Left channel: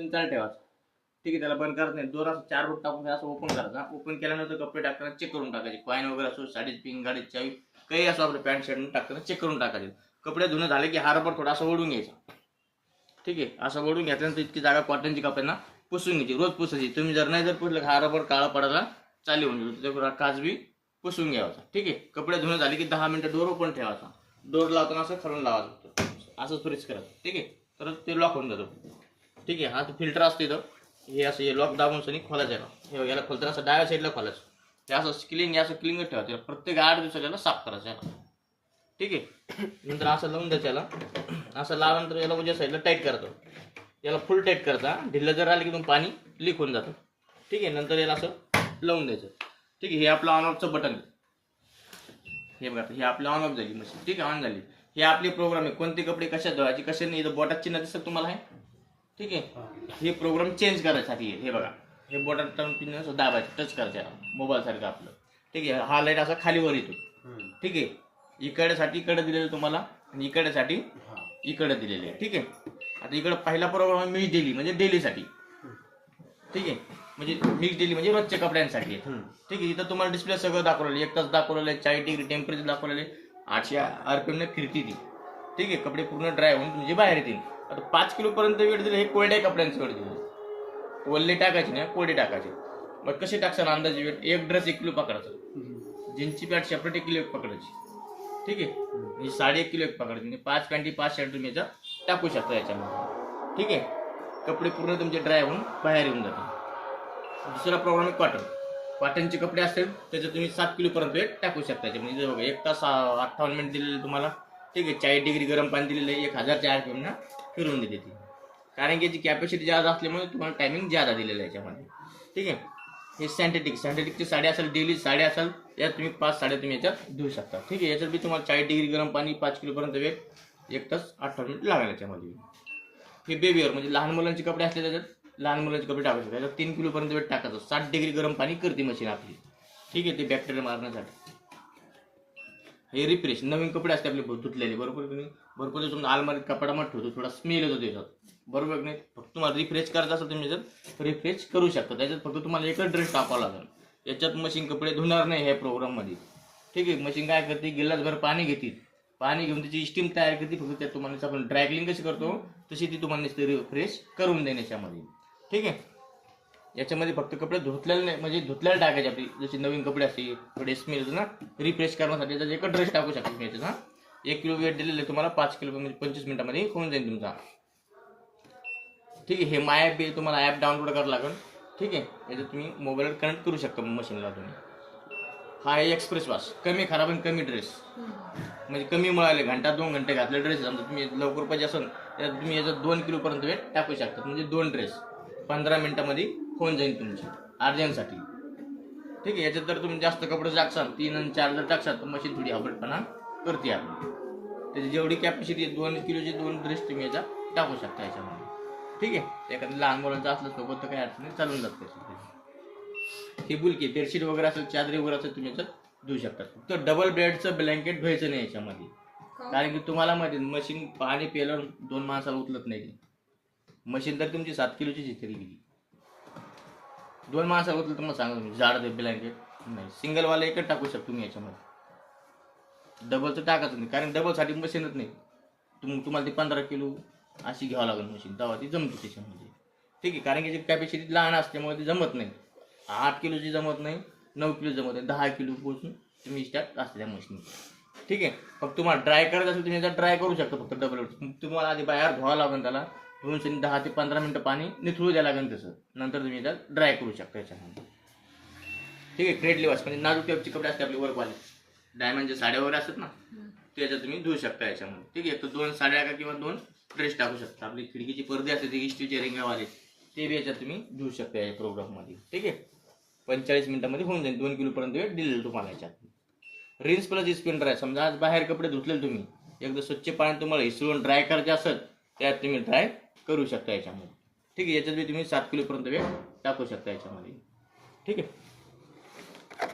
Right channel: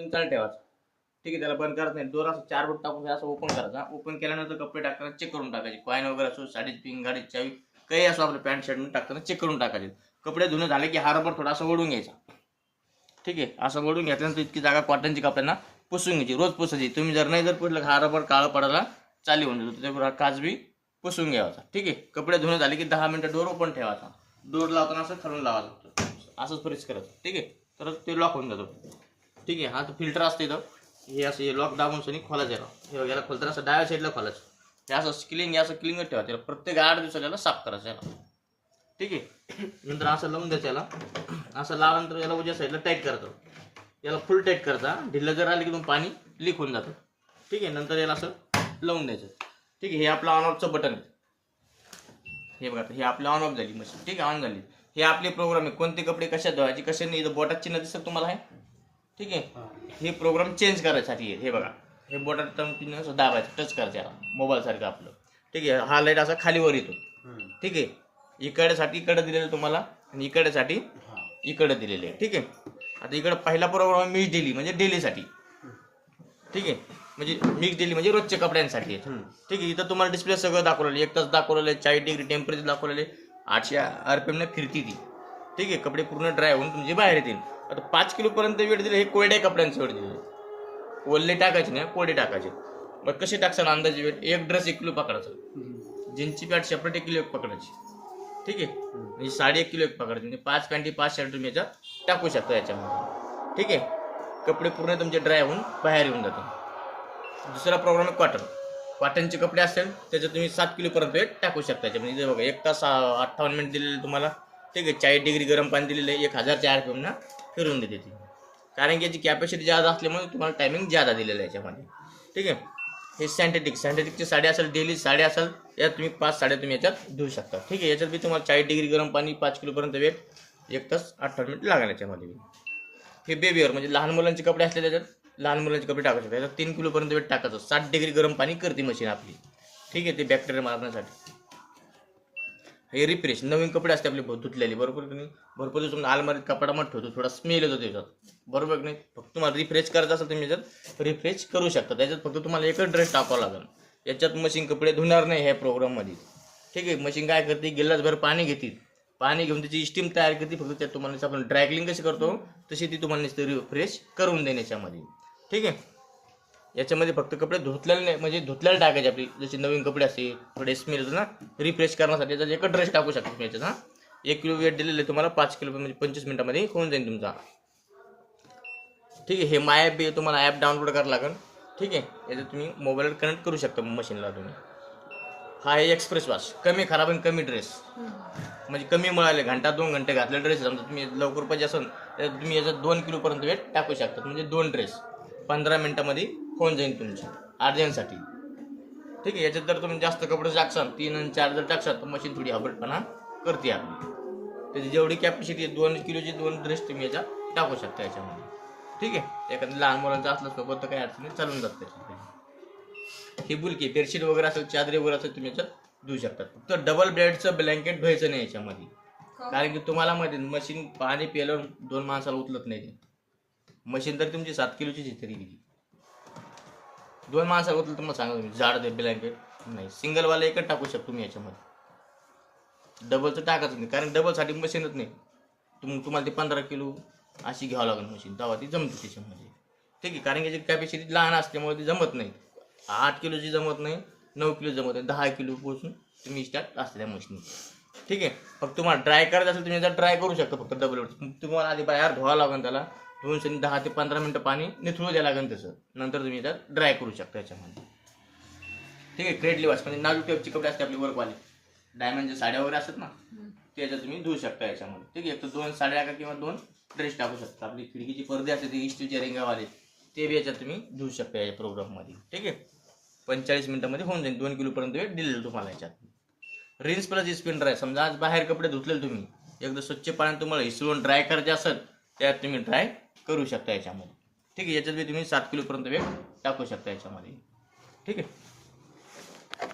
तुम्ही चालू ठेवायचं. ठीक आहे, त्याला बंद करत नाही. दोन असं 4 बोट टाकून असं ओपन करायचा. ओपन केल्यानंतर कपडे टाकताना चेक करून टाकायचे. कॉईन वगैरे असो, साडीची पिन, गाडीची चावी, काही असो आपल्या पॅन्ट शर्ट टाकताना चेक करून टाकायचे. कपडे धुणे झाले की हा रबर थोडा असं ओढून घ्यायचा. ठीक आहे, असं ओढून घेतल्यानंतर इतकी जागा कॉटनची कपड्यांना पुसून घ्यायची. रोज पुसायची. तुम्ही जर नाही जर पुसलं हा रबर काळा पडायला चालू होऊन जातो. त्याच्याबरोबर काच बी पुसून घ्यायचा. ठीक आहे, कपडे धुणे झाले की 10 मिनिटं डोर ओपन ठेवायचा. डोर लावताना असं खालून लावायचं, असंच प्रेस करायचं. ठीक आहे, तर ते लॉक होऊन जातो. ठीक आहे, हा तो फिल्टर असते इथं, हे असं हे लॉक दाबून सनी खोलायचं याला. याला खोलताना असं डाव्या साईडला खोलायचं. हे असं क्लिंग ठेवायचं. प्रत्येक 8 दिवसाला याला साफ करायचं याला. ठीक आहे, नंतर असं लावून द्यायचं याला. असं लावल्यानंतर याला उजव्या साईडला टाईट करायचं. याला फुल टाईट करायचा. ढिल्लं जर आलं की मग पाणी लीक होऊन जातं. ठीक आहे, नंतर याला असं लावून द्यायचं. ठीक आहे, हे आपलं ऑन ऑफचं बटन आहे. हे बघा, हे आपलं ऑन ऑफ झाली मशीन. ठीक आहे, ऑन झाली. हे आपले प्रोग्राम आहे. कोणते कपडे कशा धुवायचे, कशा नाही. इथं बोटात चिन्ह दिसतं तुम्हाला आहे. ठीक आहे, हे प्रोग्राम चेंज करायसाठी आहे. हे बघा, हे बोटात चिन्ह असं दाबायचं, टच करायचं याला, मोबाईल सारखं आपलं. ठीक आहे, हा लाईट असा खालीवर येतो. ठीक आहे, इकडेसाठी इकडे दिलेलं तुम्हाला आणि इकडेसाठी इकडे दिलेले आहे. ठीक आहे, आता इकडे पहिला प्रोग्राम मिक्स डेली म्हणजे डेलीसाठी. ठीक आहे, म्हणजे मिक्स डेली म्हणजे रोजच्या कपड्यांसाठी आहे. ठीक आहे, इथं तुम्हाला डिस्प्ले सगळं दाखवलेलं आहे. 1 तास दाखवलेलं आहे, 40 डिग्री टेम्परेचर दाखवलेले, 800 RPM ने फिरती ती. ठीक आहे, कपडे पूर्ण ड्राय होऊन तुमचे बाहेर येतील. आता 5 किलो पर्यंत वेळ दिले. हे कोरड्या कपड्यांची वेळ दिली. ओल्ले टाकायचे नाही, कोरडे टाकायचे. मग कसे टाकसान अंदाजे वेट? एक ड्रेस 1 किलो पकडायचं. जीन्सची पॅन्ट सेपरेट 1 किलो पकडायची. ठीक आहे, म्हणजे साडी 1 किलो पकडायची. म्हणजे 5 पॅन्टी 5 शर्ट तुम्ही याच्यात टाकू शकता याच्यामध्ये. ठीक आहे, कपडे पूर्ण तुमचे ड्राय होऊन बाहेर येऊन जातात. दुसरा प्रोग्राम आहे कॉटन. कॉटनचे कपडे असेल त्याच्यात तुम्ही 7 किलो पर्यंत वेट टाकू शकता. म्हणजे बघा 1 तास 58 मिनिट दिलेले तुम्हाला. ठीक आहे, 40 डिग्री गरम पाणी दिलेलं आहे. 1000 RPM ना फिरून देते ती. कारण की याची कॅपॅसिटी जादा असल्यामुळे तुम्हाला टायमिंग जादा दिलेलं आहे याच्यामध्ये. ठीक आहे, हे सॅन्टेटिकची साडी असेल, डेली साडी असेल, यात तुम्ही 5 साड्या तुम्ही याच्यात धुवू शकता. ठीक आहे, याच्यात बी तुम्हाला 40 डिग्री गरम पाणी 5 किलोपर्यंत वेट 1 तास 58 मिनिट लागेल याच्यामध्ये. हे बेबीवर म्हणजे लहान मुलांचे कपडे असले त्याच्यात लहान मुलांचे कपडे टाकू शकता. याच्यात 3 किलोपर्यंत वेट टाकायचं. 60 डिग्री गरम पाणी करते मशीन आपली. ठीक आहे, ते बॅक्टेरिया मारण्यासाठी. हे रिफ्रेश नवीन कपडे असते आपले धुतलेले, बरोबर. तुम्ही भरपूर दिवस अलमारीत कपड्यामध्ये ठेवतो, थोडा स्मेल येतो त्याच्यात, बरोबर नाही. फक्त तुम्हाला रिफ्रेश करायचं असेल तुम्ही याच्यात रिफ्रेश करू शकता. त्याच्यात फक्त तुम्हाला एकच ड्रेस टाकावा लागेल. याच्यात मशीन कपडे धुणार नाही ह्या प्रोग्राममध्ये. ठीक आहे, मशीन काय करते, गिलासभर पाणी घेते. पाणी घेऊन त्याची स्टीम तयार करते. फक्त त्यात तुम्हाला आपण ड्रायक्लिंग कशी करतो तशी ती तुम्हाला रिफ्रेश करून देणे याच्यामध्ये. ठीक आहे, याच्यामध्ये फक्त कपडे धुतलेले नाही, म्हणजे धुतलेले टाकायचे आपली जशी नवीन कपडे असते थोडे स्मेल होतो ना, रिफ्रेश करण्यासाठी त्याचा एकच ड्रेस टाकू शकतो तुम्ही याच्यात. 1 किलो वेट दिलेले तुम्हाला 5 किलो म्हणजे 25 मिनिटामध्ये होऊन जाईल तुमचा. ठीक आहे, हे माय ॲप बी तुम्हाला ॲप डाउनलोड करावं लागेल. ठीक आहे, याच्यात तुम्ही मोबाईलवर कनेक्ट करू शकता मशीनला तुम्ही. हा आहे एक्सप्रेस वॉश, कमी खराब आणि कमी ड्रेस, म्हणजे कमी मिळाले, 1-2 घंटे घातले ड्रेस. समजा तुम्ही लवकर पाहिजे असेल तर तुम्ही याच्यात 2 किलोपर्यंत वेट टाकू शकता. म्हणजे 2 ड्रेस 15 मिनिटामध्ये होऊन जाईल तुमचे अर्जंटसाठी. ठीक आहे, याच्यात जर तुम्ही जास्त कपडे टाकसाल 3 आणि 4 जर टाकसाल तर मशीन थोडी हबडपणा करते आपली. त्याची जेवढी कॅपॅसिटी आहे 2 किलोचे 2 ड्रेस तुम्ही याच्यात टाकू शकता याच्यामध्ये. ठीक आहे, एखाद्या लहान मुलांचं असलं सोबत तर काही अडचण नाही, चालून जातं त्याच्यात. ही बुलकी बेडशीट वगैरे असेल, चादरी वगैरे असेल तुम्ही याच्यात धुवू शकता. फक्त डबल बेडचं ब्लँकेट घ्यायचं नाही याच्यामध्ये. कारण की तुम्हाला माहिती मशीन पाणी प्यायल्यावर 2 माणसाला उचलत नाही ती मशीन. तर तुमची 7 किलोची तरी गेली 2 माणसाला उचलत. मग सांगा तुम्ही जाड दे ब्लँकेट नाही, सिंगलवाला एकच टाकू शकतो तुम्ही याच्यामध्ये. डबलचं टाकायचं नाही, कारण डबलसाठी मशीनच नाही. तुम्हाला ते 15 किलो अशी घ्यावं लागेल मशीन, तेव्हा ती जमते त्याच्यामध्ये. ठीक आहे, कारण की याची कॅपॅसिटी लहान असल्यामुळे ती जमत नाही. 8 किलोची जमत नाही, 9 किलो जमत नाही, 10 किलो पोचून तुम्ही स्टार्ट असल्या मशीन. ठीक आहे, फक्त तुम्हाला ड्राय करायचं असेल तुम्ही याचा ड्राय करू शकता फक्त डबल. तुम्हाला आधी बाहेर धुवावं लागेल त्याला, धुवून 10 ते 15 मिनिटं पाणी निथळू द्यावं लागेल तसं. नंतर तुम्ही याच्यात ड्राय करू शकता याच्यामध्ये. ठीक आहे, क्रेडली वॉश म्हणजे नाजूक टाईपचे कपडे असते आपले वर्कवाले, डायमंडचे साड्या वगैरे असतात ना, ते याच्यात तुम्ही धुवू शकता याच्यामध्ये. ठीक आहे, तर 2 साड्या का किंवा 2 ड्रेस टाकू शकता. आपली खिडकीची पडदे असते ते इस्टीचे रेंगावाले, ते बी याच्यात तुम्ही धुवू शकता या प्रोग्राममध्ये. ठीक आहे, 45 मिनिटामध्ये होऊन जाईल. 2 किलोपर्यंत वेळ दिलेलं तुम्हाला याच्यात. Rinse plus spin dry. समजा आज बाहेर कपडे धुतलेले तुम्ही, एकदा स्वच्छ पाण्यात तुम्हाला हिसळून ड्राय करायचे असेल त्यात तुम्ही ड्राय करू शकता याच्यामध्ये. ठीक आहे, याच्यात बी तुम्ही 7 किलोपर्यंत वेळ टाकू शकता याच्यामध्ये. ठीक आहे.